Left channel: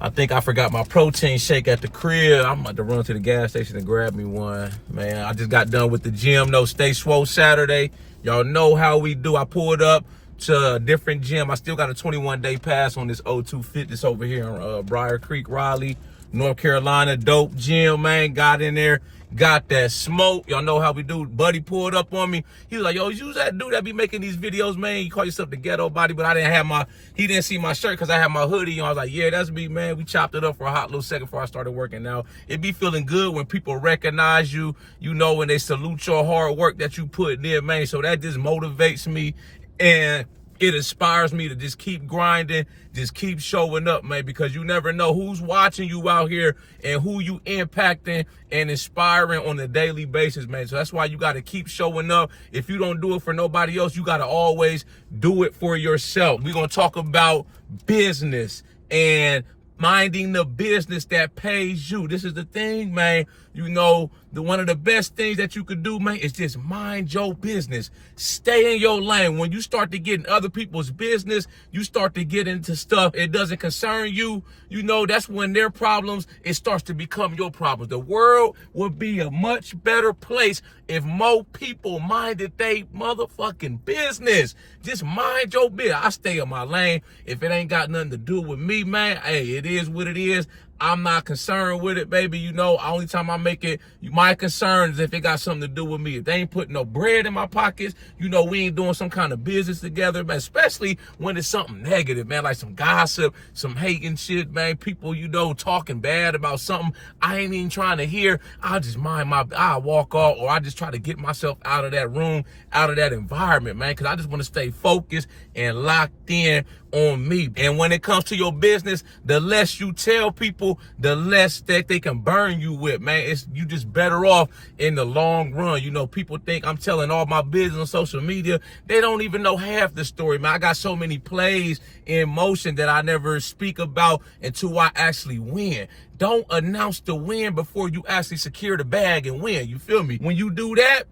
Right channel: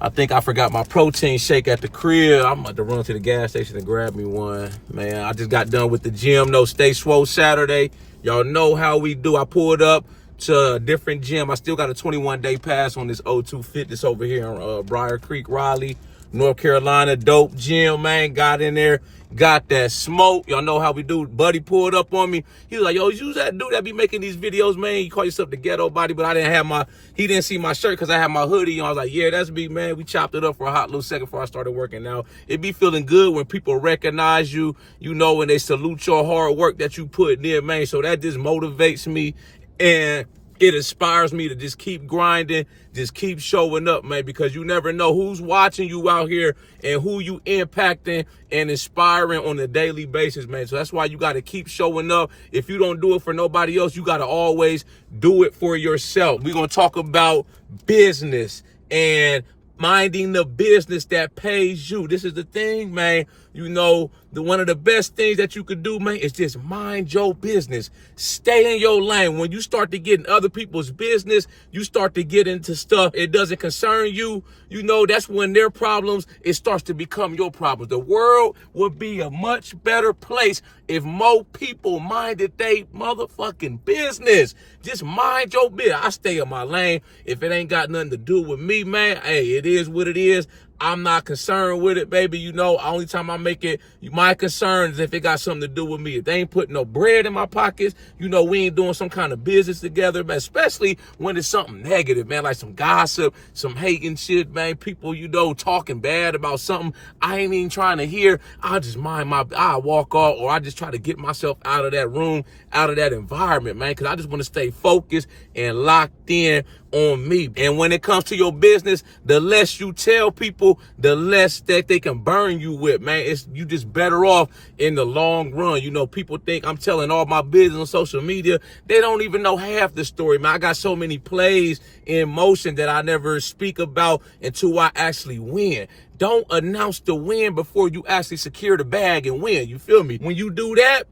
I think I forgot my protein shake at the crib. I'm about to run to the gas station and grab me one. Man, I just got done with the gym. No, Stay Swole Saturday. Y'all know how we do. I pulled up to a different gym. I still got a 21-day pass on this O2 Fitness over here in Briar Creek, Raleigh, North Carolina. Dope gym, man. Got in there. Got that smoke. Y'all know how we do. Buddy pulled up on me. He was like, yo, you that dude that be making these videos, man. You call yourself the Ghetto Body, but I didn't have he didn't see my shirt because I had my hoodie on. I was like, yeah, that's me, man. We chopped it up for a hot little second before I started working out. It be feeling good when people recognize you, you know, when they salute your hard work that you put in, man. So that just motivates me and it inspires me to just keep grinding, just keep showing up, man, because you never know who's watching you out here and who you impacting and inspiring on a daily basis, man. So that's why you got to keep showing up. If you don't do it for nobody else, you got to always do it for yourself. We're going to talk about business and minding the business that pays you. This is the thing, man. You know, one of the best things that you could do, man, is just mind your business. Stay in your lane. When you start to get in other people's business, you start to get into stuff it doesn't concern you. You know, that's when their problems, it starts to become your problems. The world would be a much better place if more people minded they motherfucking business. Just mind your business. I stay in my lane. If it ain't got nothing to do with me, man, hey, it is what it is. I'm not concerned with it, baby. You know, only time I make it, my concern is if it got something to do with me. If they ain't putting no bread in my pockets, you know, we ain't doing some kind of business together, man, especially when it's something negative, man, like some gossip, some hating shit, man, people, you know, talking bad about something I ain't even trying to hear. I'll just I'll walk off, or I just try to get myself out of that room, out of that environment, man, because I just want to stay focused and locked in on me. And when it comes to your business, the less you tell people, the less that they can burn you with, man. You just better off in the long run. You know, people think I'm telling all my business on social media. They don't even know half the story, man. I got so many plays in motion that I never speak about until I actually win. Don't announce the win before you actually secure the bag and win. You feel me? When you do that,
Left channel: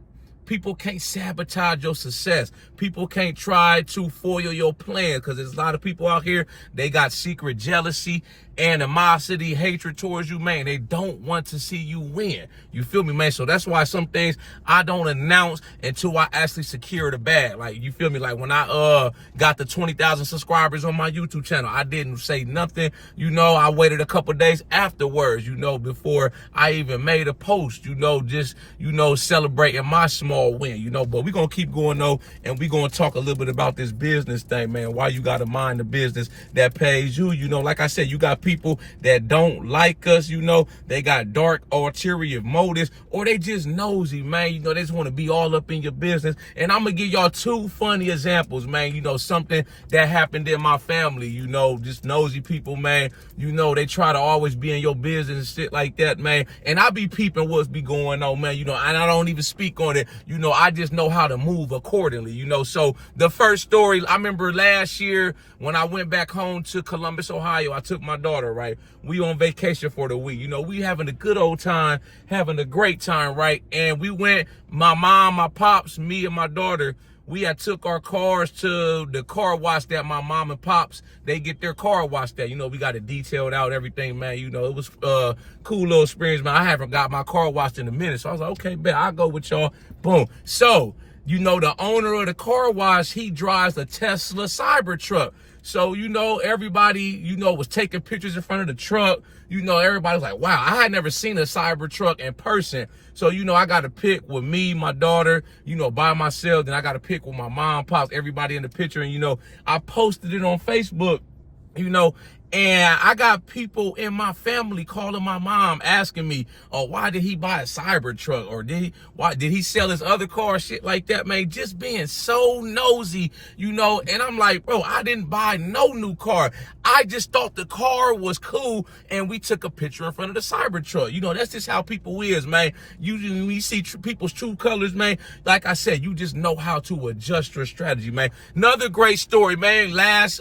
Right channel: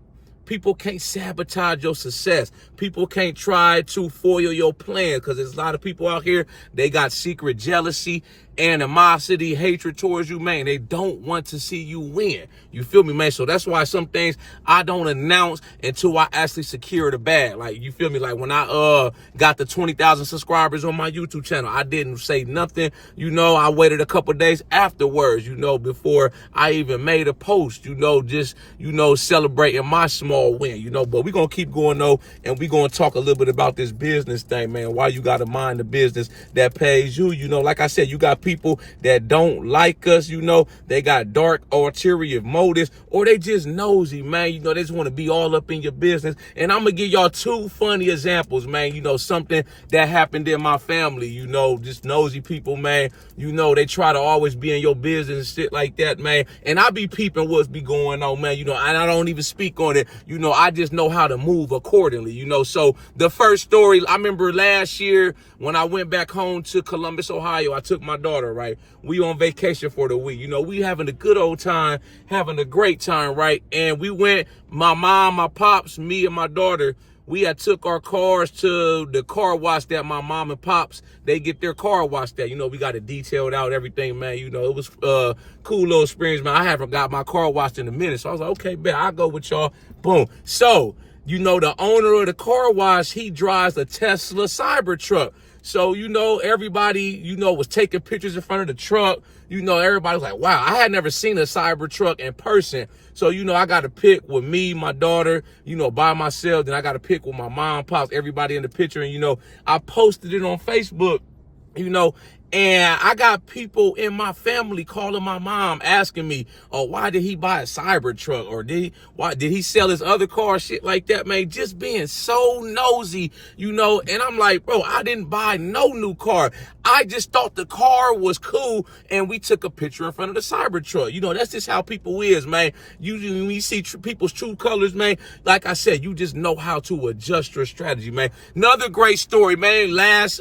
people can't sabotage your success. People can't try to foil your plan, because there's a lot of people out here, they got secret jealousy, animosity, hatred towards you, man. They don't want to see you win. You feel me, man? So that's why some things I don't announce until I actually secure the bag. Like, you feel me? Like when I got the 20,000 subscribers on my YouTube channel, I didn't say nothing. You know, I waited a couple days afterwards, you know, before I even made a post, you know, just, you know, celebrating my small win, you know. But we're going to keep going, though, and we're going to talk a little bit about this business thing, man. Why you got to mind the business that pays you. You know, like I said, you got people that don't like us, you know, they got dark ulterior motives, or they just nosy, man. You know, they just want to be all up in your business. And I'm gonna give y'all two funny examples, man. You know, something that happened in my family, you know, just nosy people, man. You know, they try to always be in your business and shit like that, man. And I be peeping what's be going on, man. You know, and I don't even speak on it. You know, I just know how to move accordingly, you know. So the first story, I remember last year when I went back home to Columbus, Ohio, I took my daughter, right? We on vacation for the week. You know, we having a good old time, having a great time, right? And we went, my mom, my pops, me and my daughter, we had took our cars to the car wash that my mom and pops, they get their car washed at. You know, we got it detailed out, everything, man. You know, it was cool little experience, man. I haven't got my car washed in a minute. So I was like, okay, bet, I'll go with y'all. Boom. So, you know, the owner of the car wash, he drives a Tesla Cybertruck. So, you know, everybody, you know, was taking pictures in front of the truck. You know, everybody was like, wow, I had never seen a Cybertruck in person. So, you know, I got to pick with me, my daughter, you know, by myself. Then I got to pick with my mom, pops, everybody in the picture. And, you know, I posted it on Facebook, you know, and I got people in my family calling my mom asking me, oh, why did he buy a Cybertruck? Or why did he sell his other car? Shit like that, man. Just being so nosy, you know. And I'm like, bro, I didn't buy no new car. I just thought the car was cool, and we took a picture in front of the Cybertruck. You know, that's just how people is, man. Usually when you see people's true colors, man, like I said, you just know how to adjust your strategy, man. Another great story, man. Last,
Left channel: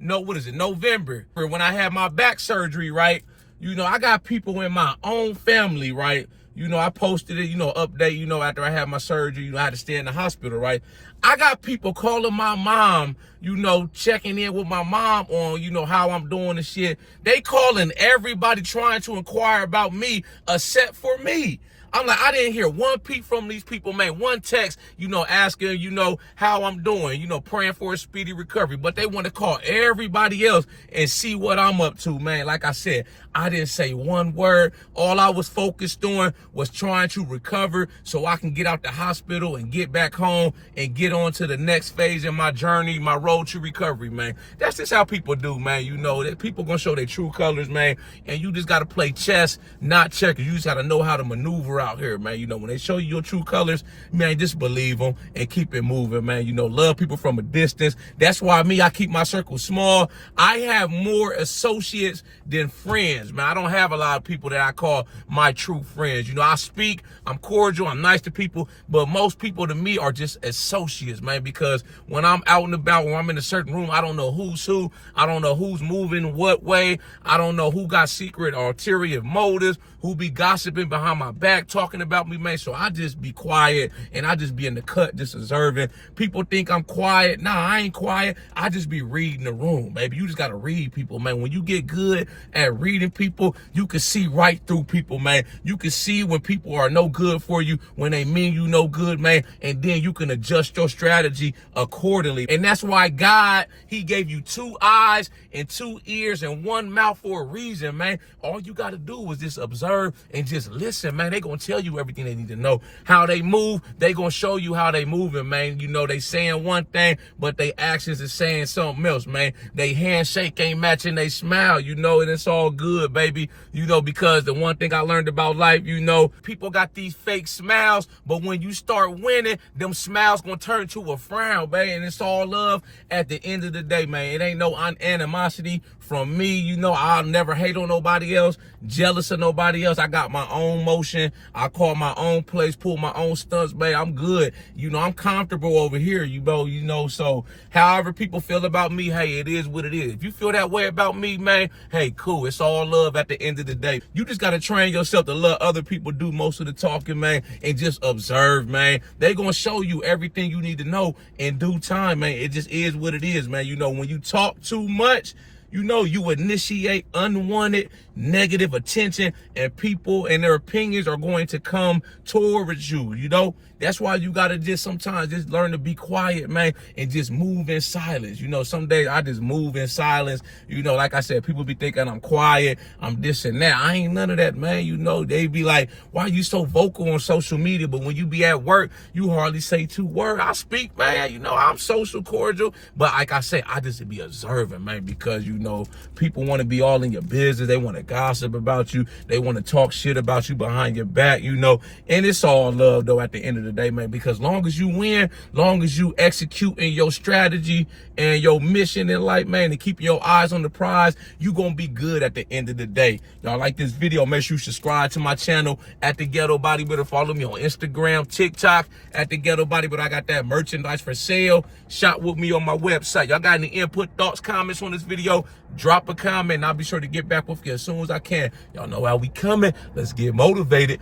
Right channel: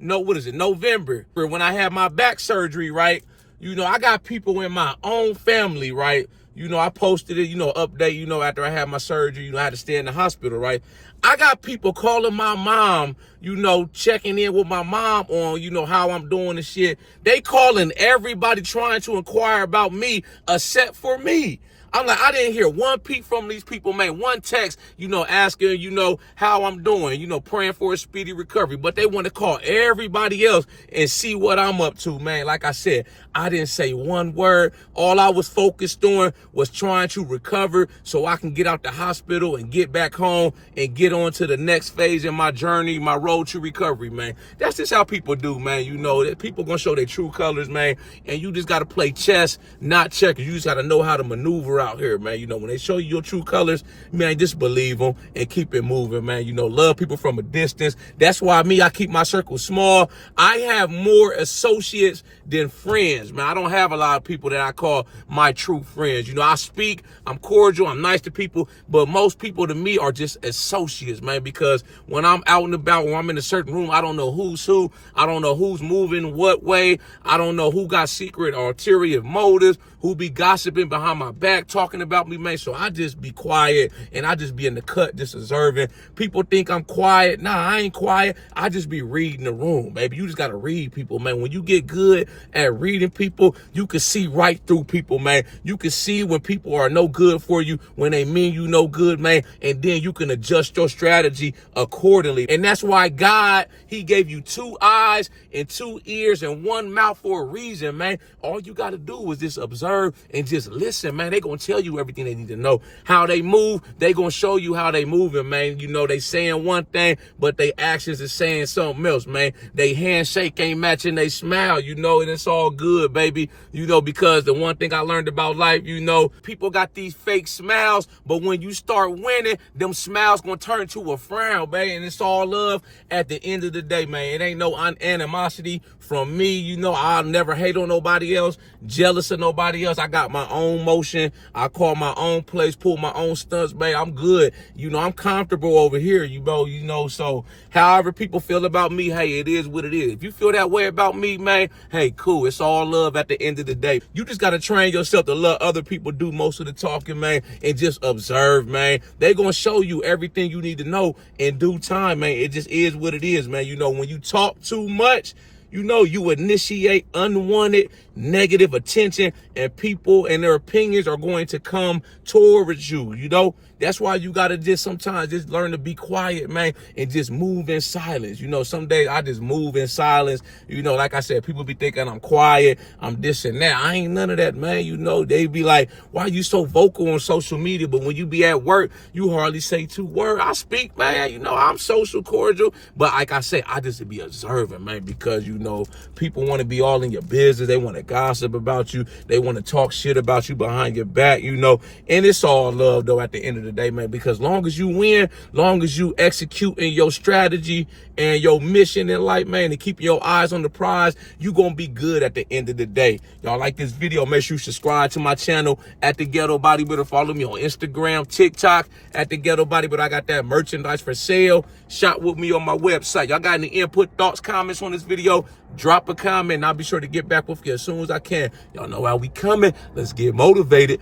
November, when I had my back surgery, right? You know, I got people in my own family, right? You know, I posted it, you know, update, you know, after I had my surgery, you know, I had to stay in the hospital, right? I got people calling my mom, you know, checking in with my mom on, you know, how I'm doing and shit. They calling everybody trying to inquire about me except for me. I'm like, I didn't hear one peep from these people, man. One text, you know, asking, you know, how I'm doing, you know, praying for a speedy recovery. But they want to call everybody else and see what I'm up to, man. Like I said, I didn't say one word. All I was focused on was trying to recover so I can get out the hospital and get back home and get on to the next phase in my journey, my road to recovery, man. That's just how people do, man. You know, that people gonna show their true colors, man. And you just gotta play chess, not checkers. You just gotta know how to maneuver out here, man. You know, when they show you your true colors, man, just believe them and keep it moving, man. You know, love people from a distance. That's why I keep my circle small. I have more associates than friends, man. I don't have a lot of people that I call my true friends. You know, I speak, I'm cordial, I'm nice to people, but most people to me are just associates, man, because when I'm out and about, when I'm in a certain room, I don't know who's who. I don't know who's moving what way. I don't know who got secret or ulterior motives, who be gossiping behind my back, talking about me, man. So I just be quiet and I just be in the cut, just observing. People think I'm quiet. Nah, I ain't quiet. I just be reading the room, baby. You just got to read people, man. When you get good at reading people, you can see right through people, man. You can see when people are no good for you, when they mean you no good, man. And then you can adjust your strategy accordingly. And that's why God, he gave you 2 eyes and 2 ears and 1 mouth for a reason, man. All you got to do is just observe and just listen, man. They gonna tell you everything they need to know. How they move, they gonna show you how they moving, man. You know, they saying one thing, but they actions is saying something else, man. They handshake ain't matching they smile, you know, and it's all good, baby. You know, because the one thing I learned about life, you know, people got these fake smiles, but when you start winning, them smiles gonna turn to a frown, man. And it's all love at the end of the day, man. It ain't no animosity from me. You know, I'll never hate on nobody else, jealous of nobody else. I got my own motion. I call my own place, pull my own stunts, babe. I'm good. You know, I'm comfortable over here, you know, so however people feel about me, hey, it is what it is. If you feel that way about me, man, hey, cool. It's all love at the end of the day. You just got to train yourself to let other people do most of the talking, man, and just observe, man. They going to show you everything you need to know in due time, man. It just is what it is, man. You know, when you talk too much, you know, you initiate unwanted negative attention, and people and their opinions are going to come towards you, you know. That's why you got to just sometimes just learn to be quiet, man, and just move in silence. You know, some days I just move in silence. You know, like I said, people be thinking I'm quiet, I'm this and that. I ain't none of that, man. You know, they be like, why you so vocal on social media? But when you be at work, you hardly say 2 words. I speak, man. You know, I'm social, cordial. But like I say, I just be observing, man, because, you know, people want to be all in your business. They want to gossip about you. They want to talk shit about you behind your back, you know. And it's all love, though, at the end of the day, man, because long as you win, long as you execute in your strategy and your mission in life, man, and keep your eyes on the prize, you gonna be good at the end of the day. Y'all like this video, make sure you subscribe to my channel at the Ghetto Bodybuilder. Follow me on Instagram, TikTok at the Ghetto Bodybuilder. I got that merchandise for sale. Shop with me on my website. Y'all got any input, thoughts, comments on this video? Drop a comment and I'll be sure to get back with you as soon as I can. Y'all know how we coming. Let's get motivated.